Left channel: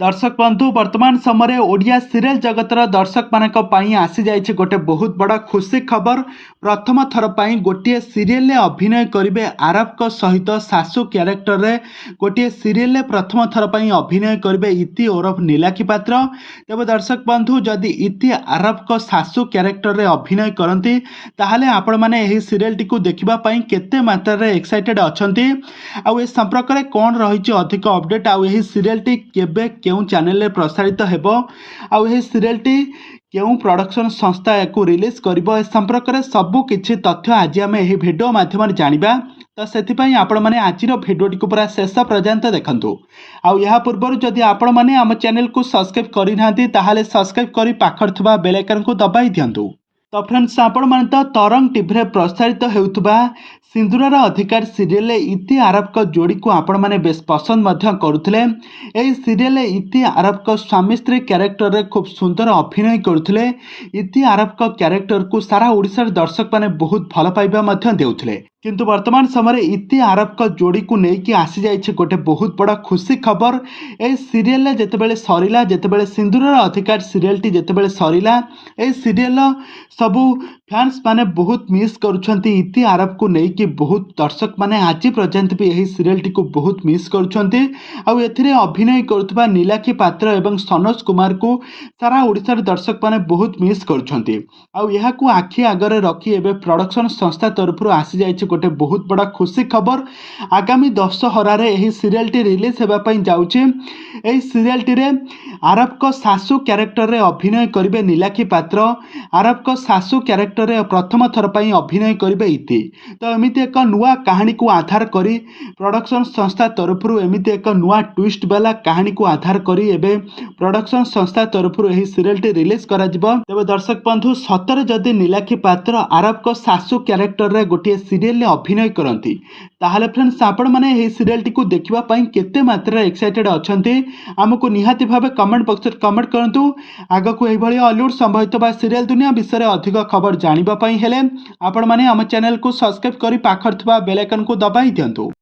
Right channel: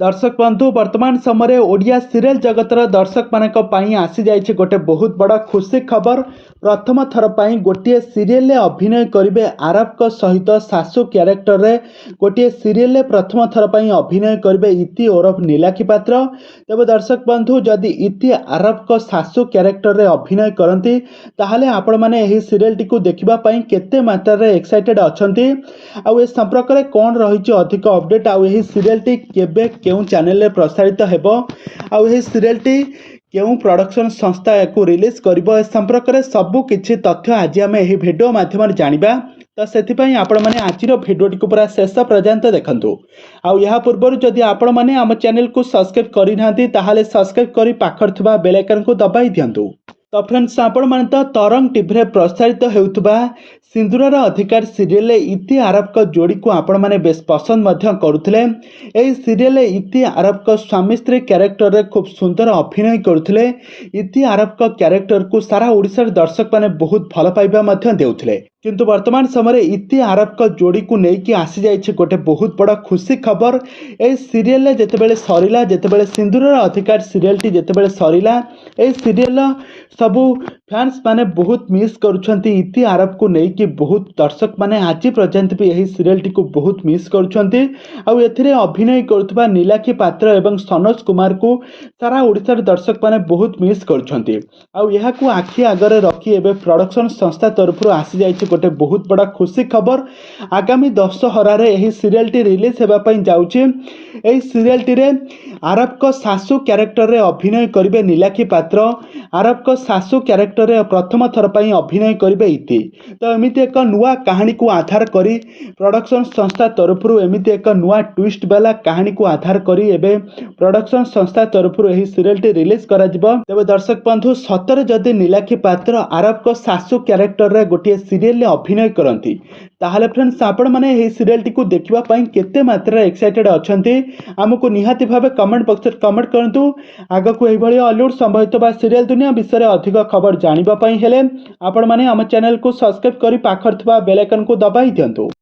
दर्शक बंधु वर्तमान समय ओडिया सीरियल जगतर दर्शक मानक पई आसी जाइए गोटे बहुत बड़ा खुशी खबर। प्रथम थर पर गोटे सीरियल अभिनय करेंगे आरव को सहित सासु क्यारेक्टर रे गोटे सीरियल प्रथम थर पर अभिनय करेंगे इति ओरफ नीलाखी पात्र। तेज दर्शक बंधु जदि इति आरव को सासु क्यारेक्टर रे अभिनय करती ताहले आपण माने एही सीरियल टी को देखिबा पई केते मात्रा रे एक्साइटेड अछंती आ ए संपर्क रे कोन रहिछि अधिक अपडेट आ एही सीरियल टी केबे केउं चैनल रे प्रसारित हेबो आ एही सीरियल टी केउं प्रोडक्शन संस्था याकू रिलीज करिबो ए संपर्क रे सबु किछि तथ्य आज आम एही वीडियो माध्यम रे जानिबा। तो सेथिपई आपण माने आजिर भिडियोटी को पूरा शेष पर्यंत देखंतु। आ या पूर्व जदि आपण माने आम चैनल को सब्सक्राइब करि नांती ताहाले सब्सक्राइब करि पाखर थबा बेल आइकन को दबाई दियंतु। तो फ्रेंड्स आपण माने तो तरंग टीवी रे प्रसारित हेउतबा सिंदूरर अधिकार सीरियल इति आरव को जोड़ी को आपण माने बेस पसंद मध्य करुथिले। एही सीरियल इति आरव को स्वामी स्त्री क्यारेक्टर रे खूब सुंदर अभिनय करुथिले। इति आरव को क्यारेक्टर को सारा ओडिसा दर्शक माने बहुत भल पाइबा मध्य देउथिले। किंतु वर्तमान समय इति आरव को जोड़ी को लेकिन आसी जाइए गोटे बहुत बड़ा खुशी खबर। ए सीरियल जितेबाला सरिला जितेबाला सिंदूरर अधिकार सीरियल टी जितेबाला सरिला ए सीरियल सबू फैंस माने बहुत मिस करुछंती। इति आरव को लेकिन बहुत दर्शक माने आज पर्यंत भी यही सीरियल टी को बहुत मिस करुछंती। आ एथिरे अभिनय करुथबा नीलाखी पात्र एवं सनोज कुमार को सारा ओडिसा दर्शक माने बहुत मिस करुछंती। आ यहा को आखि आगरे रखी एबे प्रोडक्शन संस्था तरफ आसी जाइए गोटे बहुत बड़ा खुशी खबर। आगामी दशहरा रे यही सीरियल टी रिलीज हेबा पई जाउची। एही सीरियल टी रे आरव को सासु क्यारेक्टर रे अभिनय करिवे नीलाखी पात्र। आरव को सासु क्यारेक्टर रे प्रथम थर पई अभिनय करिवे इति। तो एमिति एक नुआ कहानी को आधार करी प्रोडक्शन संस्था तरफ एमिति एक नुआ ट्विस्ट वाला कहानी को आधार करी एबे प्रोडक्शन संस्था तरफ यही सीरियल टी रिलीज करा जिवो। तबे दर्शक बंधु सतरे जदि नीलाखी पात्र आरव को सासु क्यारेक्टर रे गोटे सीरियल अभिनय करती ताहले फ्रेंड्स आपण माने एही सीरियल टी को देखिबा पई केते मात्रा एक्साइटेड अछंती हमको निहाती भाबे कमेंट बॉक्स रे कमेंट करंतु। आगो को एही भली हॉलीवुड संबंधित बा सीरियल दुनिया विषय रे अधिक खबर जानिबा पई हेले आपण माने हम चैनल को सब्सक्राइब करी पाखर थबा बेल आइकन को दबाई दियंतु।